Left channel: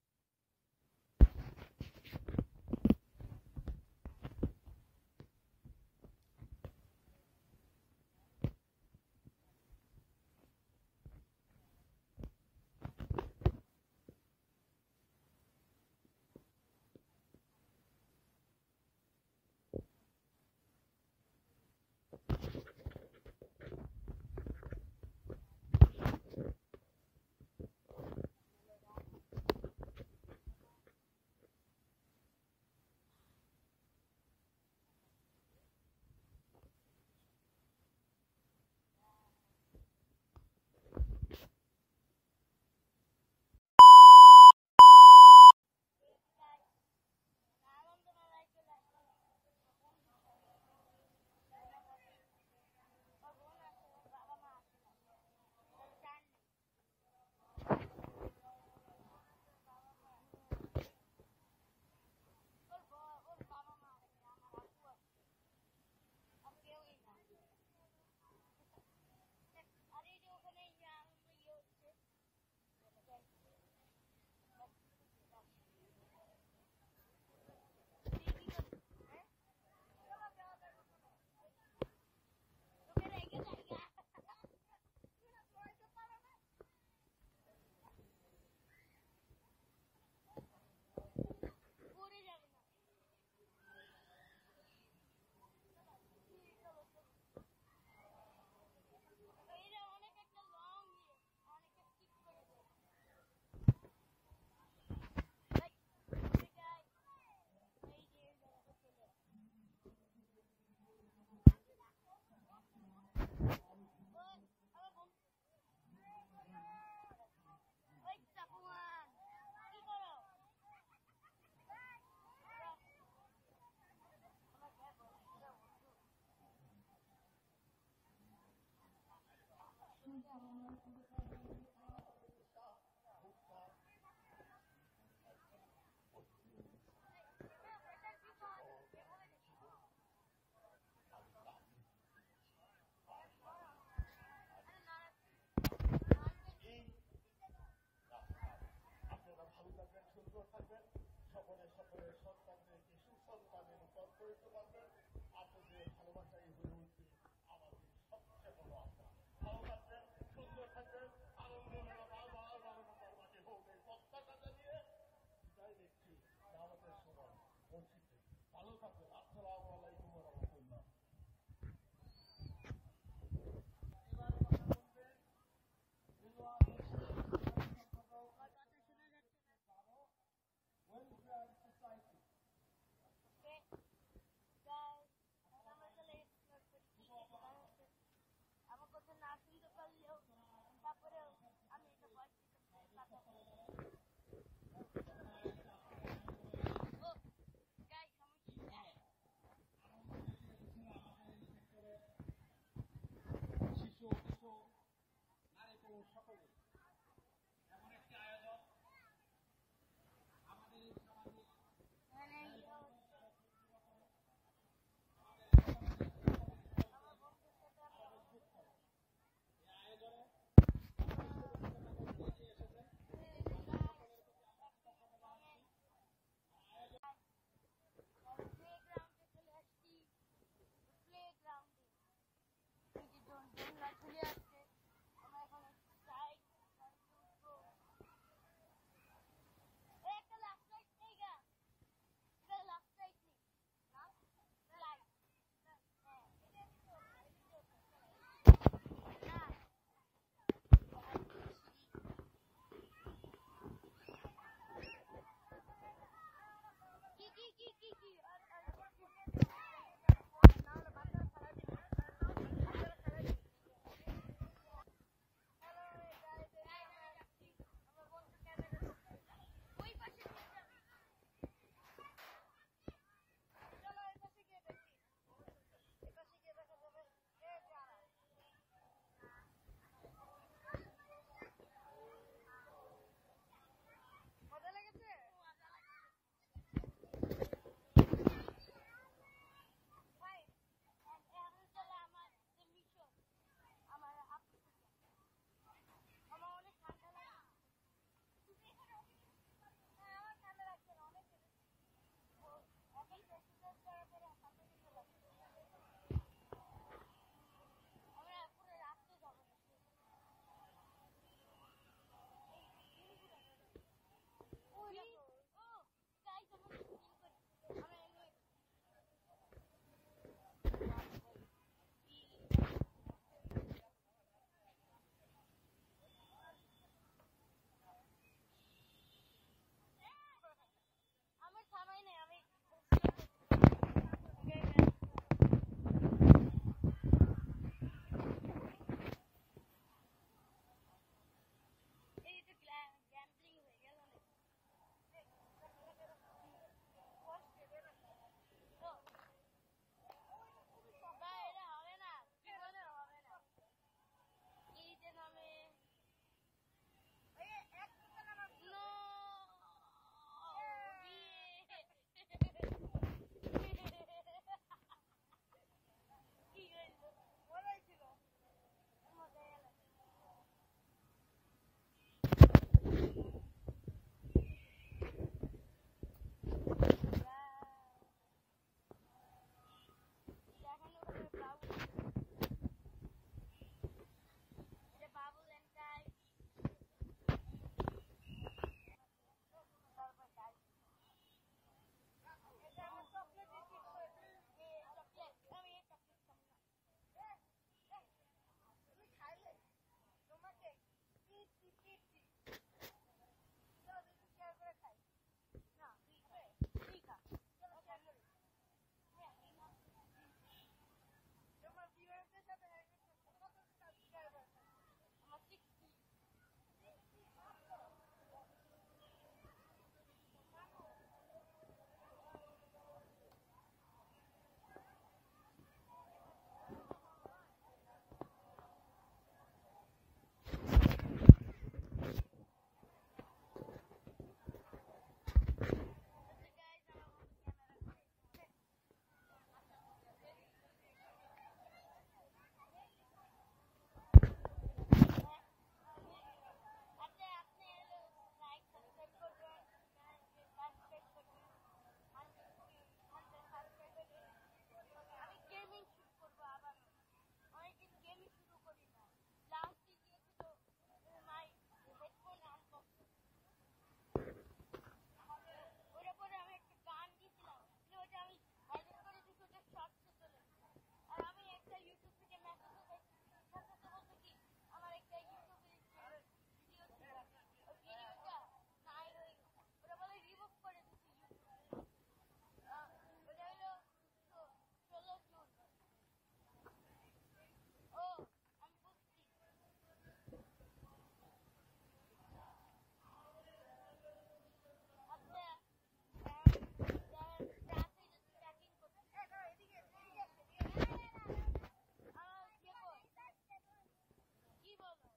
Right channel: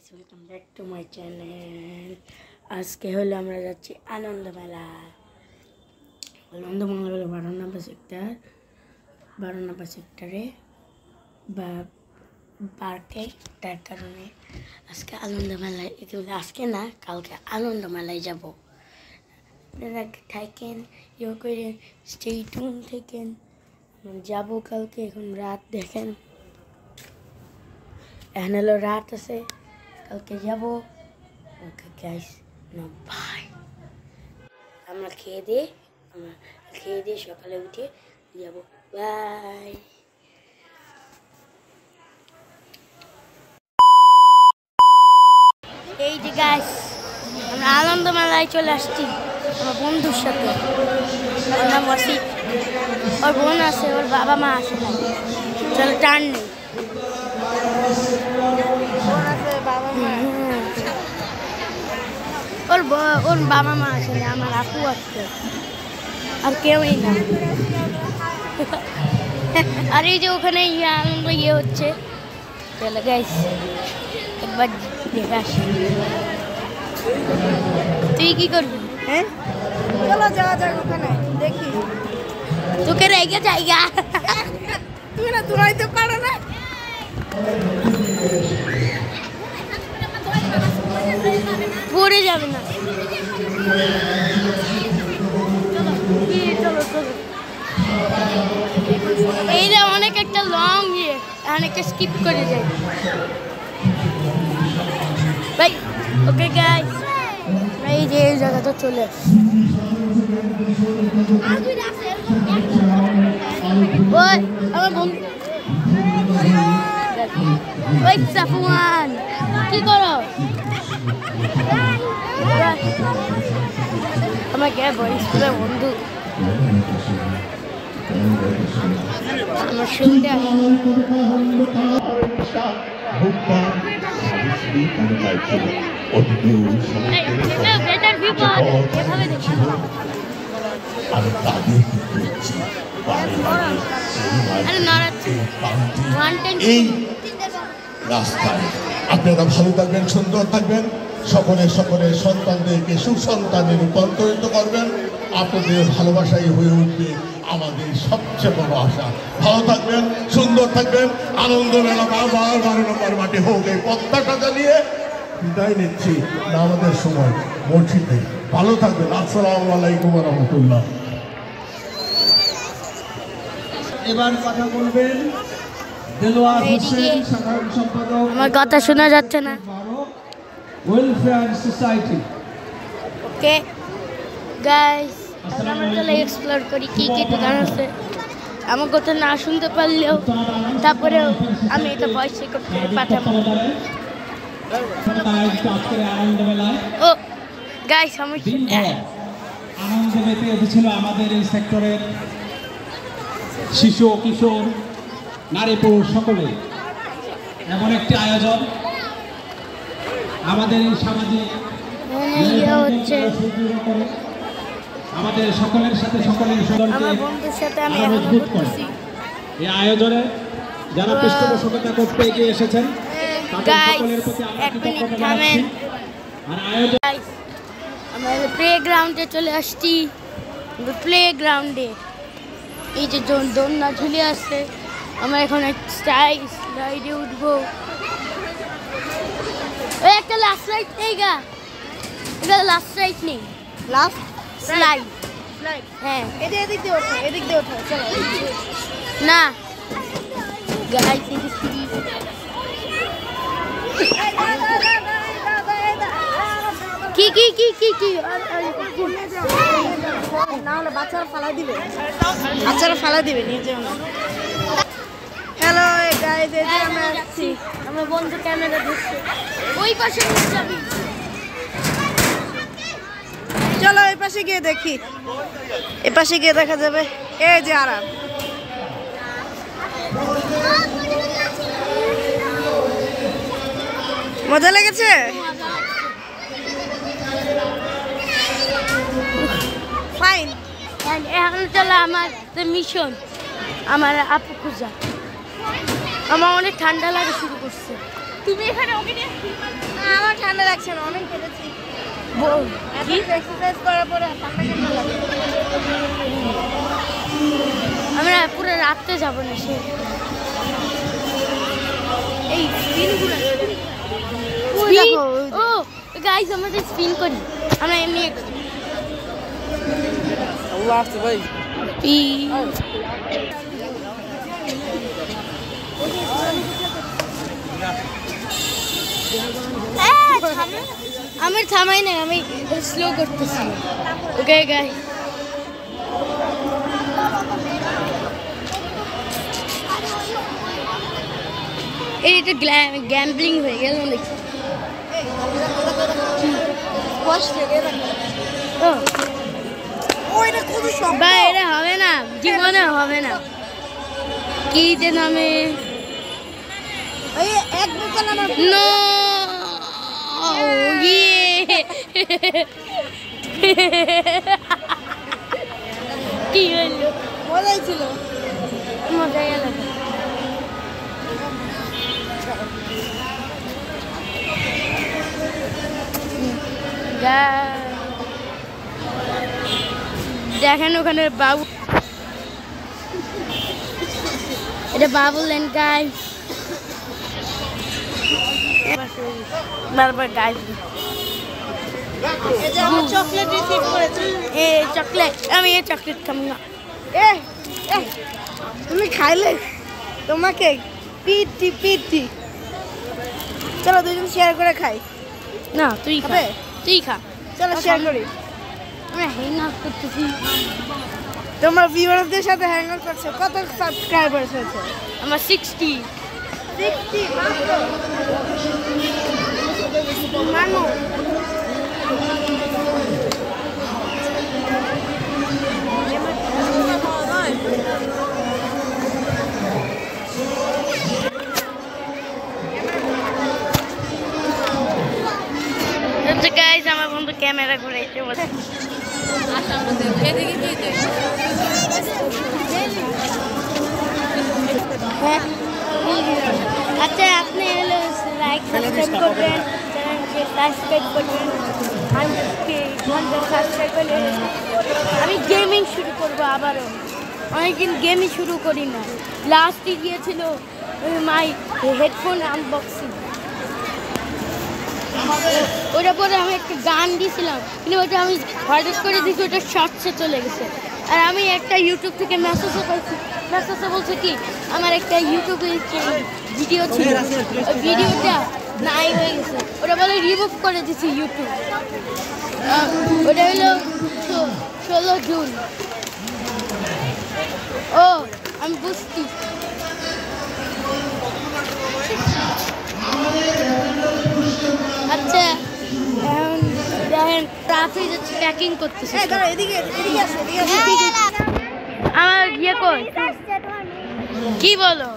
Guys welcome back to my channel. আজকে হলো আমরা যাচ্ছি আনন্দ মেলা। হলো 12 নম্বর সেক্টরে বা পার্কে। তার কারণে আজকে আনন্দ মেলায়, আজকে না কালকে আনন্দ মেলায় যাব। আপনারা থাকেন ইয়ে করে স্টে টিউন থাকেন, যাবো কালকে। এখন রাত দেখেন, এখন হলো রাত আছে, কালকে যাবো। Okay guys, no bye. আমরা খেয়ে দিয়ে সকালে উঠে যাবো। বাই। এই যে গাইস, আমরা আনন্দ মেলায় চলে আসছি আমার বন্ধুর সাথে। ওর নাম ওয়াসিফ, ওর বোন আছে, ওর বাবা মা আসে না। চলো টান নেই, ওর বাবা মা আসে না, আমার আপু আসছে, আর কেউই না। আর এই যে ওখানে আনন্দ হচ্ছে। চলো গাইস একবার দেখে আসি। তুই কি করবি? হ্যাঁ চলো যাওয়া যাক ওখানে, দেখি। তোকে রেগে জায়গা তুমি না দূরাই তো পারো না। পড়ে যাবে না। এইটা অনেক একটা লং অনেকটা স্কিপ করে যায় ভাই। ওকে গাইস, এই যে এই জায়গাটা চলে আসছে। ওই আমার বন্ধু, ওই সাফওয়ান কি করো? আমার কে বই স্কুলের বন্ধু, আমার শুনতে এই রাস্তায় আপনারা ভালো থাকবেন, সুন্দর থাকবেন, সকলের সন্তানদেরকে সুসন্তানে রূপান্তরিত করবেন। আপনাদের ভালোবাসাই হয়ে উঠবে আমাদের সবচেয়ে বড় আশা। ভালো থাকবেন, সুন্দর থাকবেন। আনন্দ মেলা 12 নম্বর মাঠে হোক, এই প্রত্যাশা জানিয়ে বিদায় নিচ্ছি। আমাদের সময় মসজিদে ভালো থাকবেন। আসসালামু আলাইকুম ওয়া রাহমাতুল্লাহ। এবার কথা বলবেন দেলোয়ার হোসেন, সাধারণ সম্পাদক। আমার কথা শোনা যাচ্ছে না। Welfare society. ওকে গাইস, আমরা চলে এক্সপ্লোর করি কি কি দোকান আছে। আমার কথা না শুনতে পারলেও তারপরেও আমি এটা ভয়েস রেকর্ড করে পাঠাবো। ও গাইস, আমি আনন্দ মেতে উঠেছিল আমাদের এই সেক্টরের শিশু কিশোর নারী পুরুষ সকলে। এমন একটি আয়োজন আমাদের এই সামাজিক আমাদের সকলের সাথে সকলের মজবুত করে। এই আয়োজনে যারা পৃষ্ঠপোষকতা করতে এগিয়ে এসেছেন তাদের সকলের প্রতি আমরা কৃতজ্ঞতা জানাচ্ছি। আর আয়োজন আমরা প্লে গ্রাউন্ডে চলে আসছি। প্লে গ্রাউন্ডে এই যে দোলনা ঝুলে আসছে, আমরা এখন রাইডে উঠবো। ওই একটা লাস্ট রাইড নেই গা, এটা লাস্ট রাইড নেই, লাস্ট স্লাইড। হ্যাঁ এটা এদিক দিয়ে ওঠো চলো। না গাইস, এই যে সিঁড়ি। কি না হলে বাচ্চারা ফালা দিবে নিয়ে যেও না। হ্যালো গাইস, এই যে আমরা আসছি। আমার বন্ধু ক্যামেরা ধরছে, ওই পাশে নিয়ে যাবি। চলো এই পাশে গিয়ে দেখি, এই পাশে গিয়ে দেখা যাবে। এই যে আরাম, মজা লেগেছে। ফাইন। এখন চলো আমার মিশন, আমার আপু খুঁজা। আমার অনেক ঠান্ডা লাগা শুরু করছে। তুমি এখানে ওকে নিয়ে দেখছেন অনেক কেটেছি এক্সারসাইজ করার পরে ঠান্ডা কেমন লাগে আমরা পুরো রাত্রে যাব না সে এই স্পিনগুলো ও গাইস আমাদের স্পিন করি আমরা এমনি আল্লাহ হাফেজ ভাই আমি থামাই না আমি স্লো করতেছি ওকে গাইস এটা গ্যাম্বলিং হয়ে গেল নাকি বা এটা হবে না জীবনে হবে না কি যে নামে নো কি হলো মজাই ছিল মজা গেল দেখেন ওখানে বাবু এটা বাবুল্যান্ড গাইস বারবার গাইস এই যে আমার চকলেট রিসিভ করেছি এই চকলেট আমি এই চকলেট খাবো না তুমি খাইলে তোমাকে পিটি চলো দুজন শেয়ার করে খাই না তুই খা খাবে? তুই খা চলো শেয়ার করি আমরা হ্যাং আউট করতেছি তোমার ভিউয়ারদের সাথে হ্যাং আউট করছো কত সাবস্ক্রাইবার্স হয়েছে আমার 60 60 মাত্র মানো গাইস আমার বন্ধু ক্যামেরা ঘুরাইতে বলে হ্যাঁ আচ্ছা আপনি হলো লাইক সাবস্ক্রাইব করবেন চ্যানেলকে সাবস্ক্রাইব করবেন 100 সাবস্ক্রাইব করলে আমি গেমিং শুরু করবো আবারও অনেকদিন গেমই শুরু করি না লাস্টে গিয়েছিল মাই হেডফোন আনবক্সিং ওটা পরে আমি একটা গান দিয়েছিলাম কিন্তু ওটা আমি হঠাৎ করে দিয়েছি ওটা শর্টসে চলে গেছে আর আমি একটা ইউটিউব থেকে মেসেজও পাইছি মেসেজে বলছে কি আমার একটা ইউটিউবে ভিডিও ছিল ওই ভিডিওটা নাই হয়ে গেছে ওটা বলে রিমুভ করে দিয়েছি ইউটিউব ওটা হলো 16 জুন ও আমি বুঝছি আচ্ছা এখন দেখেন ট্রাফিক যাচ্ছে প্যাকিং করতেছে এদিকে আসো আমার ইয়ে কই কি বলো